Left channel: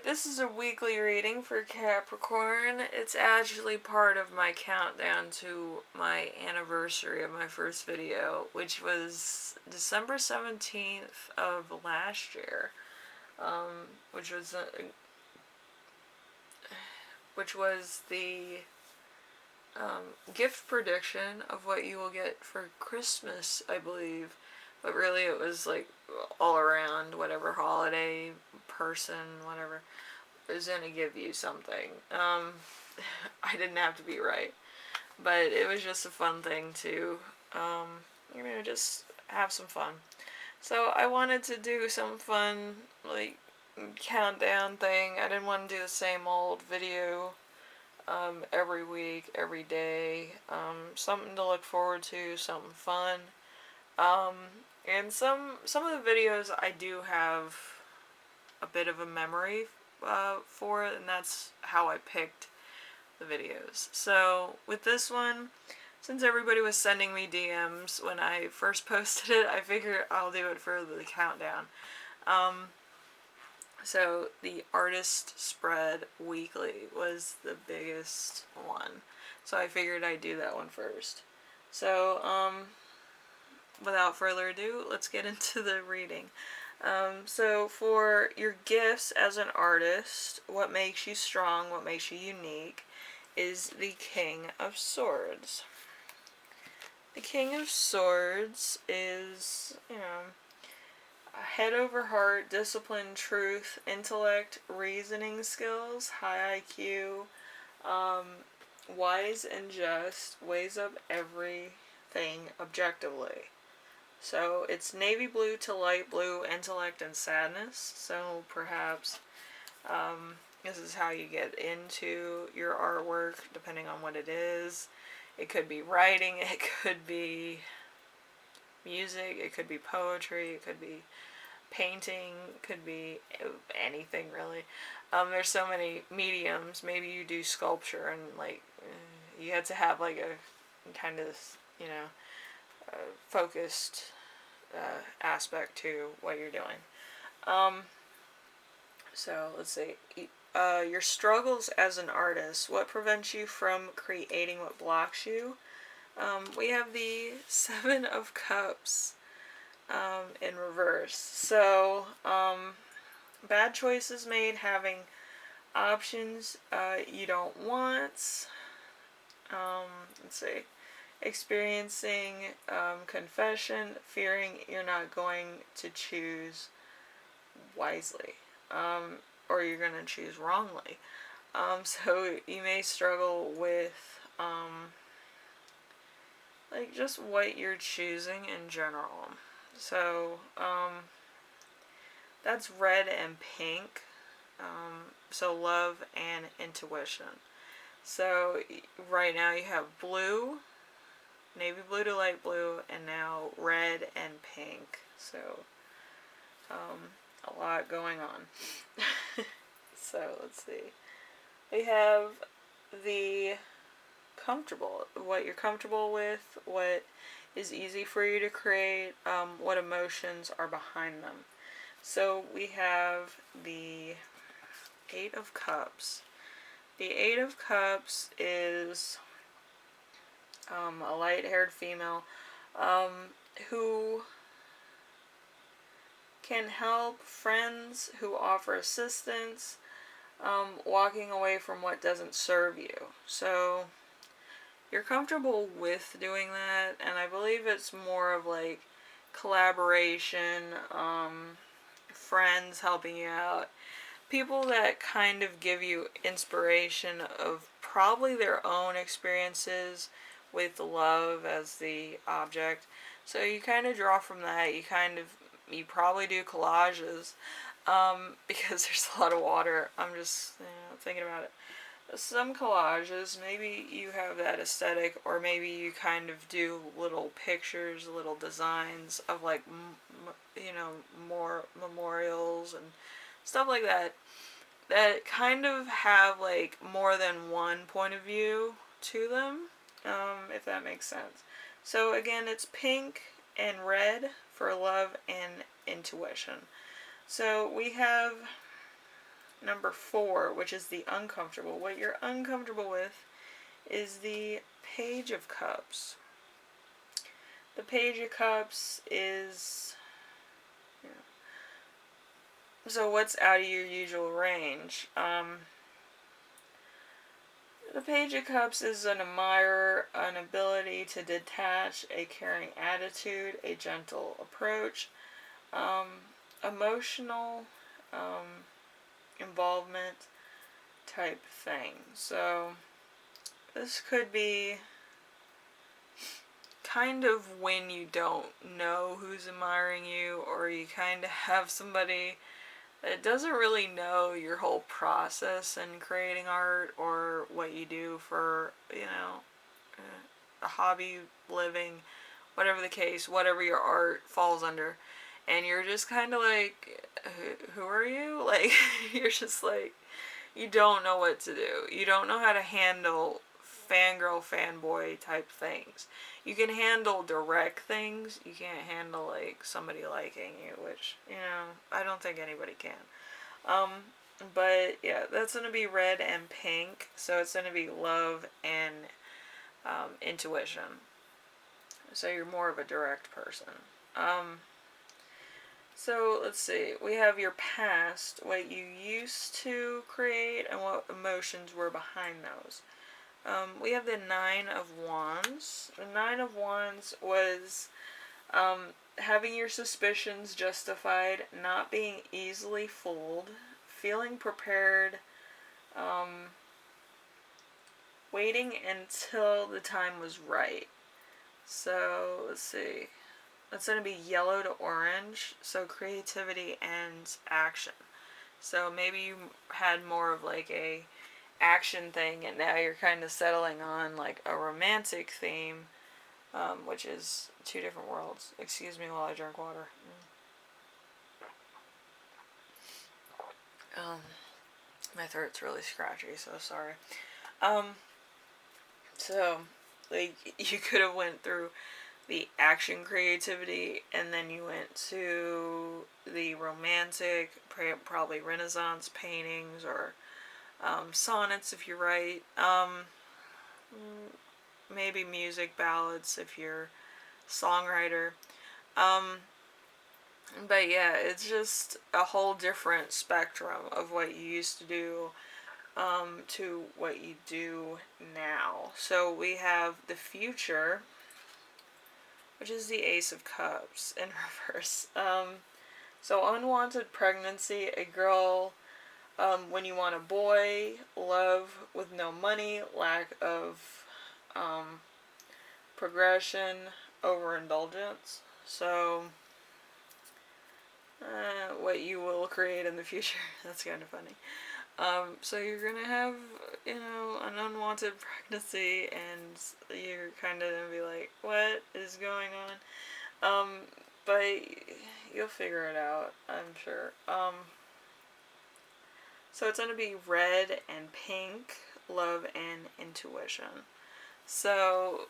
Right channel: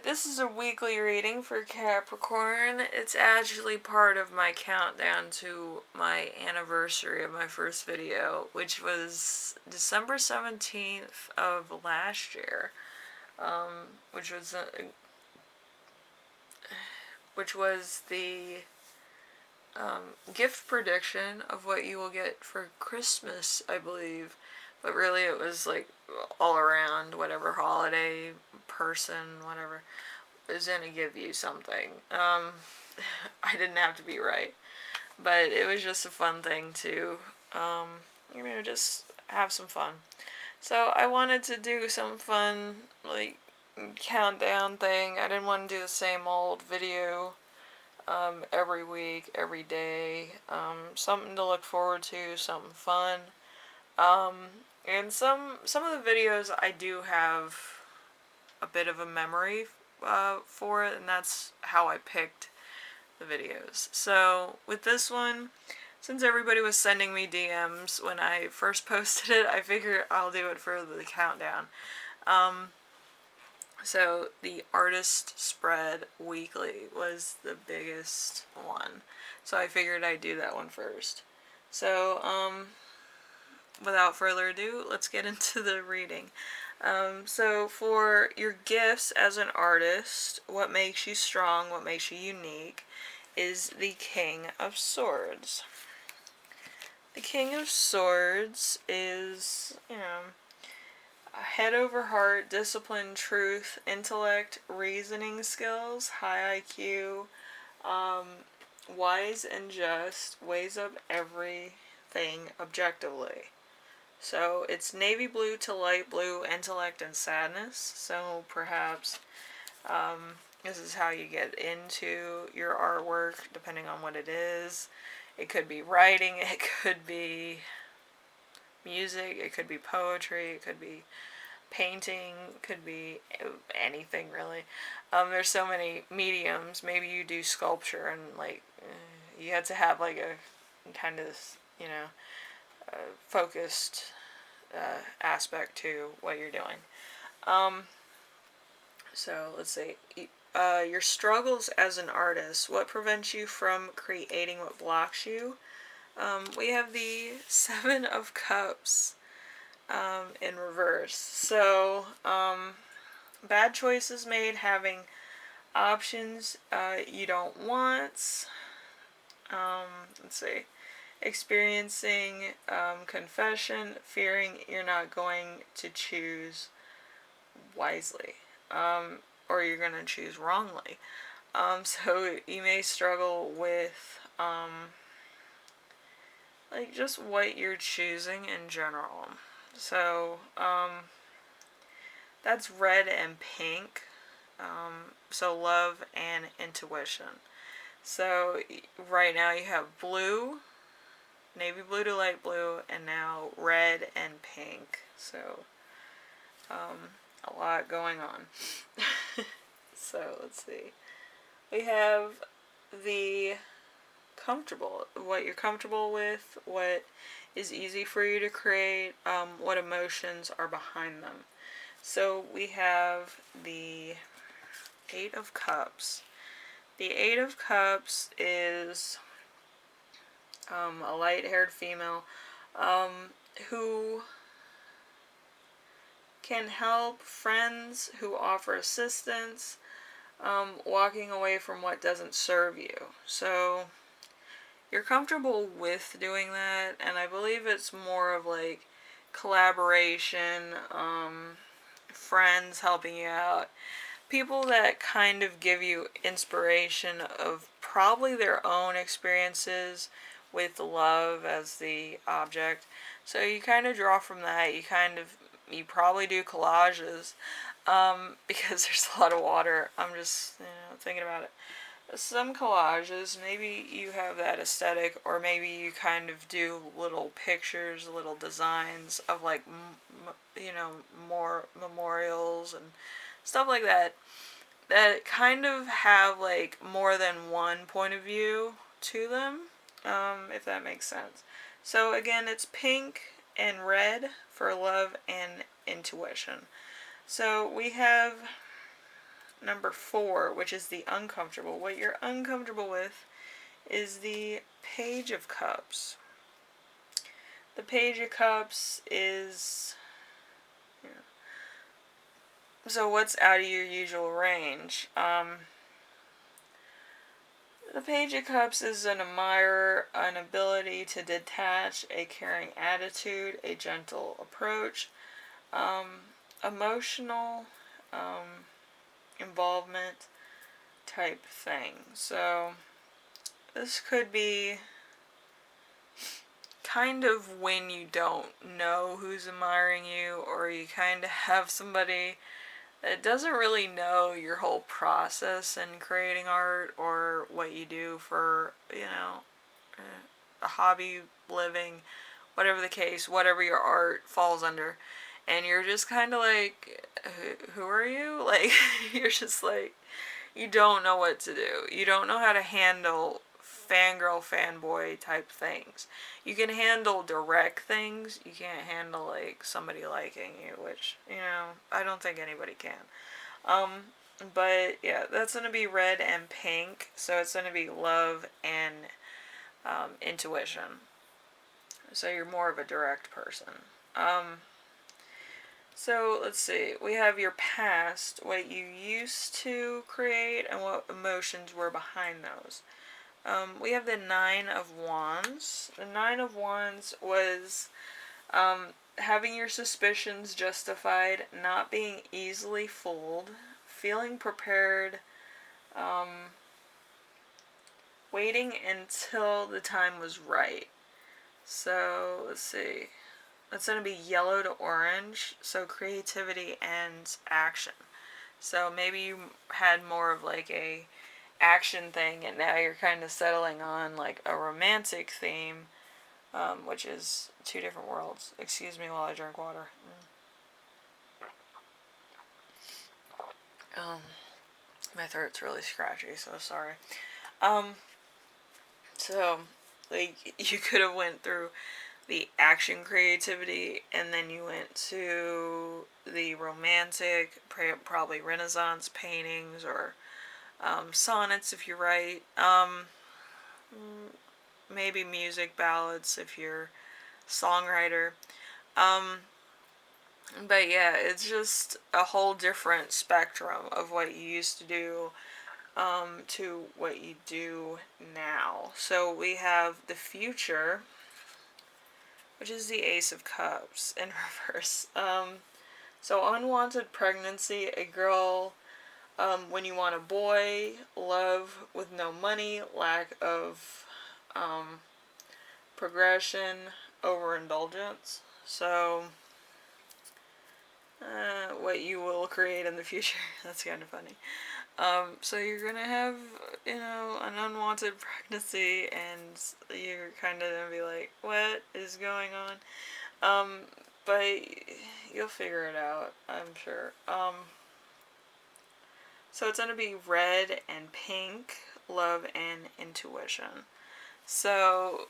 Alright, this is a weekly reading for Capricorn. It's actually part of my countdown to my anniversary of my first video, which was December 17th of last year, which was the gift prediction of what you will get for Christmas, I believe. But really it was like all around, whatever holiday, person, whatever, is going to give you something. I didn't have to be right. But it was just a fun thing to, just have some fun. So I wanted to do some fun, like, countdown thing. I didn't want to do the same old video every week, every day. Something to look forward to, something fun. And some of the videos I do have a bit of a memory for it, and that's how I picked the videos. So with this one, since everybody was sending me DMs when I first posted it, I figured I'll do it for the countdown. So the artist spread weekly was the biggest one. So I figured I'd do that one first. So, without further ado, let's get into the reading. So for your gifts as an artist, what makes you strong, what makes you unique, is the King of Swords. The King of Swords is, head over heart, discipline, truth, intellect, reasoning skills, high IQ, wise and just, weighs up everything objectively. So it's navy blue to light blue, intellect and sadness. So perhaps this is how you get into your artwork, depending on what it is. It could be writing, it could be music, it could be poetry, it could be painting, it could be anything really. There's so many mediums. Maybe you do sculpture and you had to have like a kind of, focused aspect to what you're doing. So let's see. Your struggles as an artist. What prevents you from creating? What blocks you? We have the Seven of Cups in reverse. So bad choices made, having options you don't want. Let's see. Experiencing confession, fearing you're not going to choose wisely, or you're going to choose wrongly. So you may struggle with just what you're choosing in general. So that's red and pink. So love and intuition. So right now you have blue, navy blue to light blue, and now red and pink. So a lot going on. So let's see. We have the comfortable, what you're comfortable with, what is easy for you to create, what emotions are behind them. So we have the Eight of Cups. The Eight of Cups is a light-haired female who can help friends, who offer assistance, walking away from what doesn't serve you. So you're comfortable with doing that, and I believe it's more of like collaboration, friends helping you out, people that kind of give you inspiration of probably their own experiences with love as the object. So you kind of draw from that. You probably do collages, because there's a lot of water. I'm just, thinking about it. Some collages, maybe you have that aesthetic, or maybe you kind of do little pictures, little designs of like, more memorials and stuff like that, that kind of have like more than one point of view to them, if that makes sense. So again, it's pink and red for love and intuition. So we have number 4, which is the uncomfortable. What you're uncomfortable with is the Page of Cups. The Page of Cups is... So what's out of your usual range? The Page of Cups is an admirer, an ability to detach, a caring attitude, a gentle approach, emotional involvement type thing. So this could be kind of when you don't know who's admiring you, or you kind of have somebody that doesn't really know your whole process in creating art, or what you do for, a hobby, living, whatever the case, whatever your art falls under. And you're just kind of like, who are you? Like, you're just like, you don't know what to do. You don't know how to handle fangirl, fanboy type things. You can handle direct things. You can't handle, like, somebody liking you, which, I don't think anybody can. But, yeah, that's going to be red and pink. So it's going to be love and intuition. So you're more of a direct person. So let's see. We have your past, what you used to create, and what emotions were behind those. We have the 9 of Wands. The 9 of Wands was having your suspicions justified, not being easily fooled, feeling prepared, waiting until the time was right. So, let's see. It's going to be yellow to orange, so creativity and action. So maybe you had more of like a action thing, and now you're kind of settling on like a romantic theme, which is 2 different worlds. Excuse me while I drink water. My throat's really scratchy, so sorry. So, like, you could have went through the action creativity, and then you went to the romantic, probably Renaissance paintings, or sonnets if you write, maybe music, ballads if you're a songwriter. But yeah, it's just a whole different spectrum of what you used to do to what you do now. So we have the future, which is the Ace of Cups in reverse. So unwanted pregnancy, a girl, when you want a boy, love with no money, lack of progression, overindulgence. So what you will create in the future. That's kind of funny. So you're gonna have, an unwanted pregnancy, and you're kind of gonna be like, what is going on? But you'll figure it out, I'm sure. So it's gonna be red and pink, love and intuition. So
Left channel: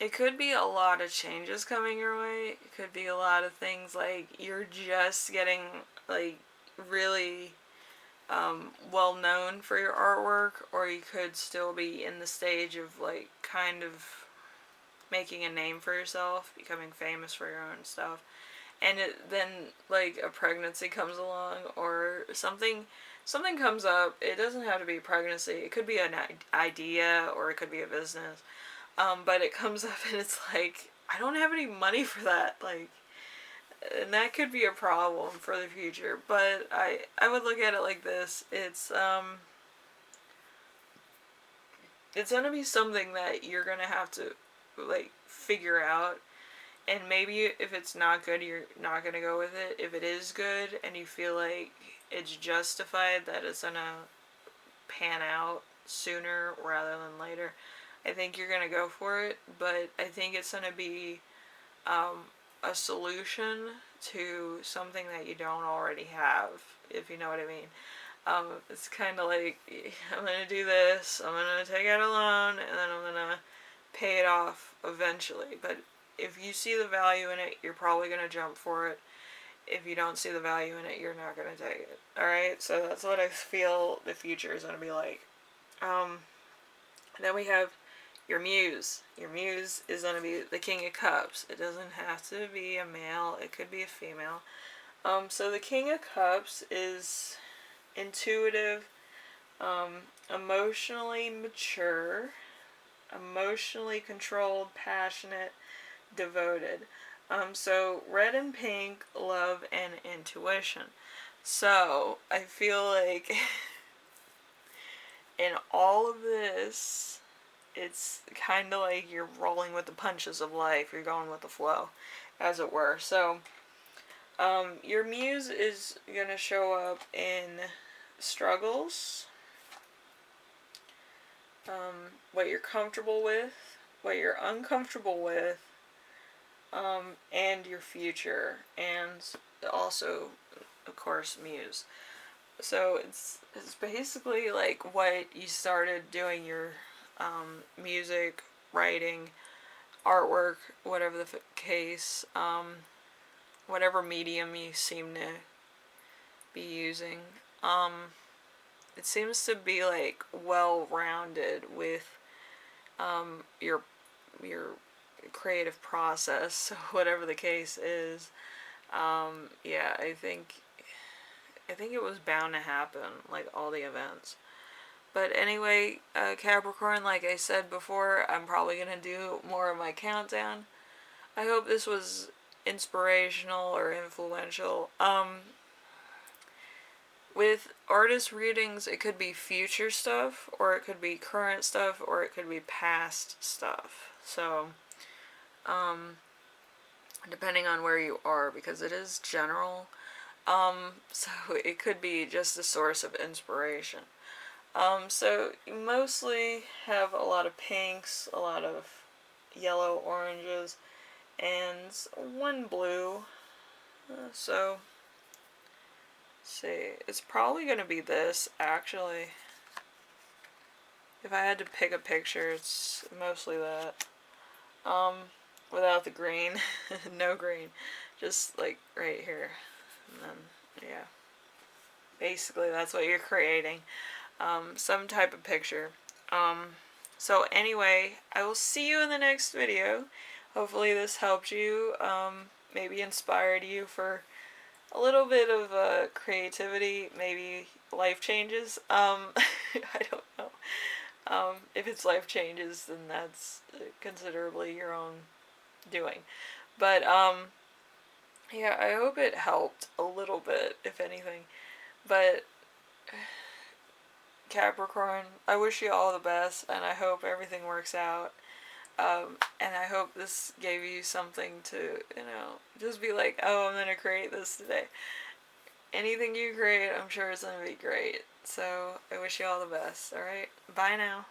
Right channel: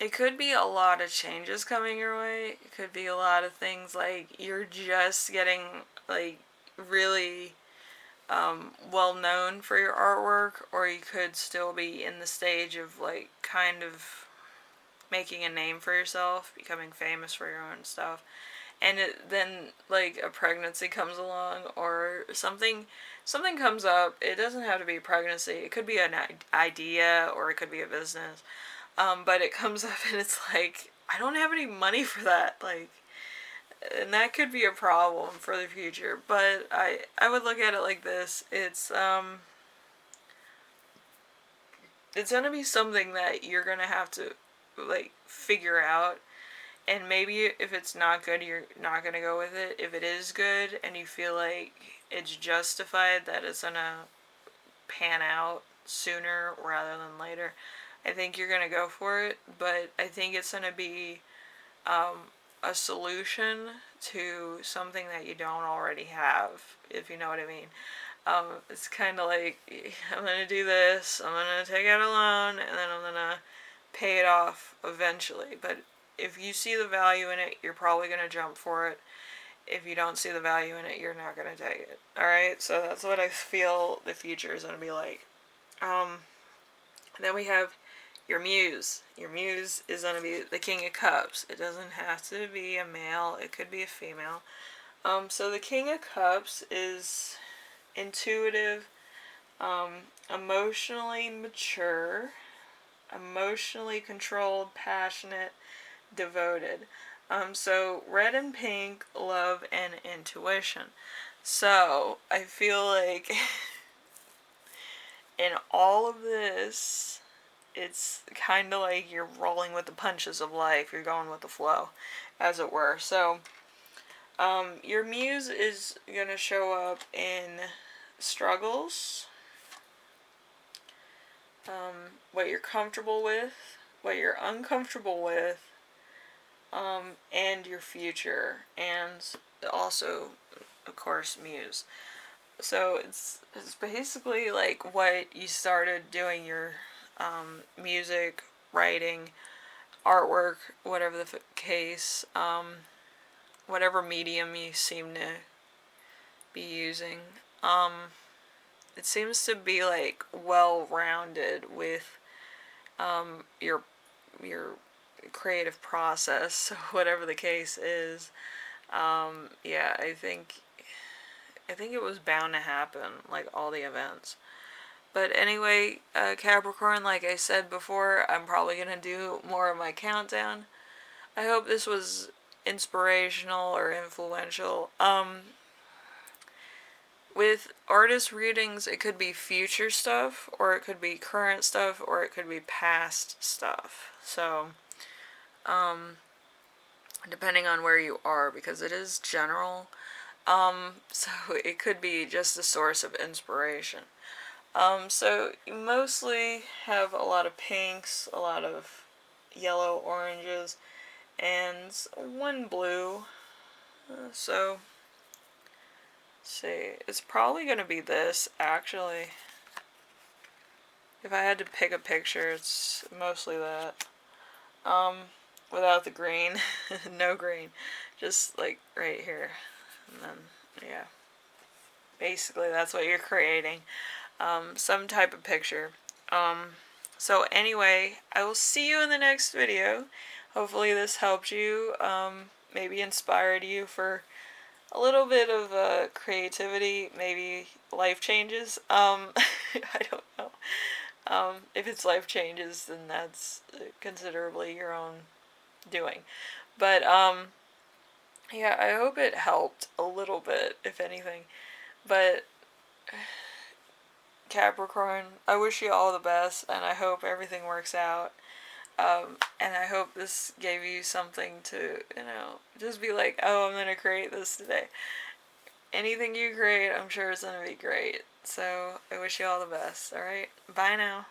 it could be a lot of changes coming your way. It could be a lot of things like you're just getting, like, really well known for your artwork, or you could still be in the stage of, like, kind of making a name for yourself, becoming famous for your own stuff. And then, like, a pregnancy comes along, or something comes up. It doesn't have to be a pregnancy. It could be an idea, or it could be a business. But it comes up and it's like, I don't have any money for that, like, and that could be a problem for the future. But I would look at it like this. It's gonna be something that you're gonna have to, like, figure out. And maybe if it's not good, you're not gonna go with it. If it is good and you feel like it's justified, that it's gonna pan out sooner rather than later, I think you're gonna go for it. But I think it's gonna be a solution to something that you don't already have, if you know what I mean. It's kind of like, I'm gonna do this, I'm gonna take out a loan, and then I'm gonna pay it off eventually. But if you see the value in it, you're probably gonna jump for it. if you don't see the value in it, you're not going to take it. Alright, so that's what I feel the future is going to be like. Then we have your muse. Your muse is going to be the King of Cups. It doesn't have to be a male, it could be a female. So the King of Cups is intuitive, emotionally mature, emotionally controlled, passionate, devoted. So red and pink, love and intuition. So I feel like in all of this, it's kind of like you're rolling with the punches of life. You're going with the flow, as it were. So your muse is going to show up in struggles, what you're comfortable with, what you're uncomfortable with, and your future, and also, of course, muse. So it's basically like what you started doing your music, writing, artwork, whatever the case, whatever medium you seem to be using. It seems to be like well-rounded with your creative process, whatever the case is. Yeah, I think it was bound to happen, like all the events. But anyway, Capricorn, like I said before, I'm probably going to do more of my countdown. I hope this was inspirational or influential. With artist readings, it could be future stuff, or it could be current stuff, or it could be past stuff. So, depending on where you are, because it is general. So it could be just a source of inspiration. So you mostly have a lot of pinks, a lot of yellow, oranges, and one blue. So, see, it's probably going to be this, actually. If I had to pick a picture, it's mostly that. Without the green. No green. Just, like, right here. And then, yeah. Basically, that's what you're creating. Some type of picture. So anyway, I will see you in the next video. Hopefully this helped you, maybe inspired you for a little bit of creativity, maybe life changes. I don't know. If it's life changes, then that's considerably your own doing. But, yeah, I hope it helped a little bit, if anything. But Capricorn, I wish you all the best, and I hope everything works out. And I hope this gave you something to, just be like, oh, I'm going to create this today. Anything you create, I'm sure it's going to be great. So, I wish you all the best, alright? Bye now.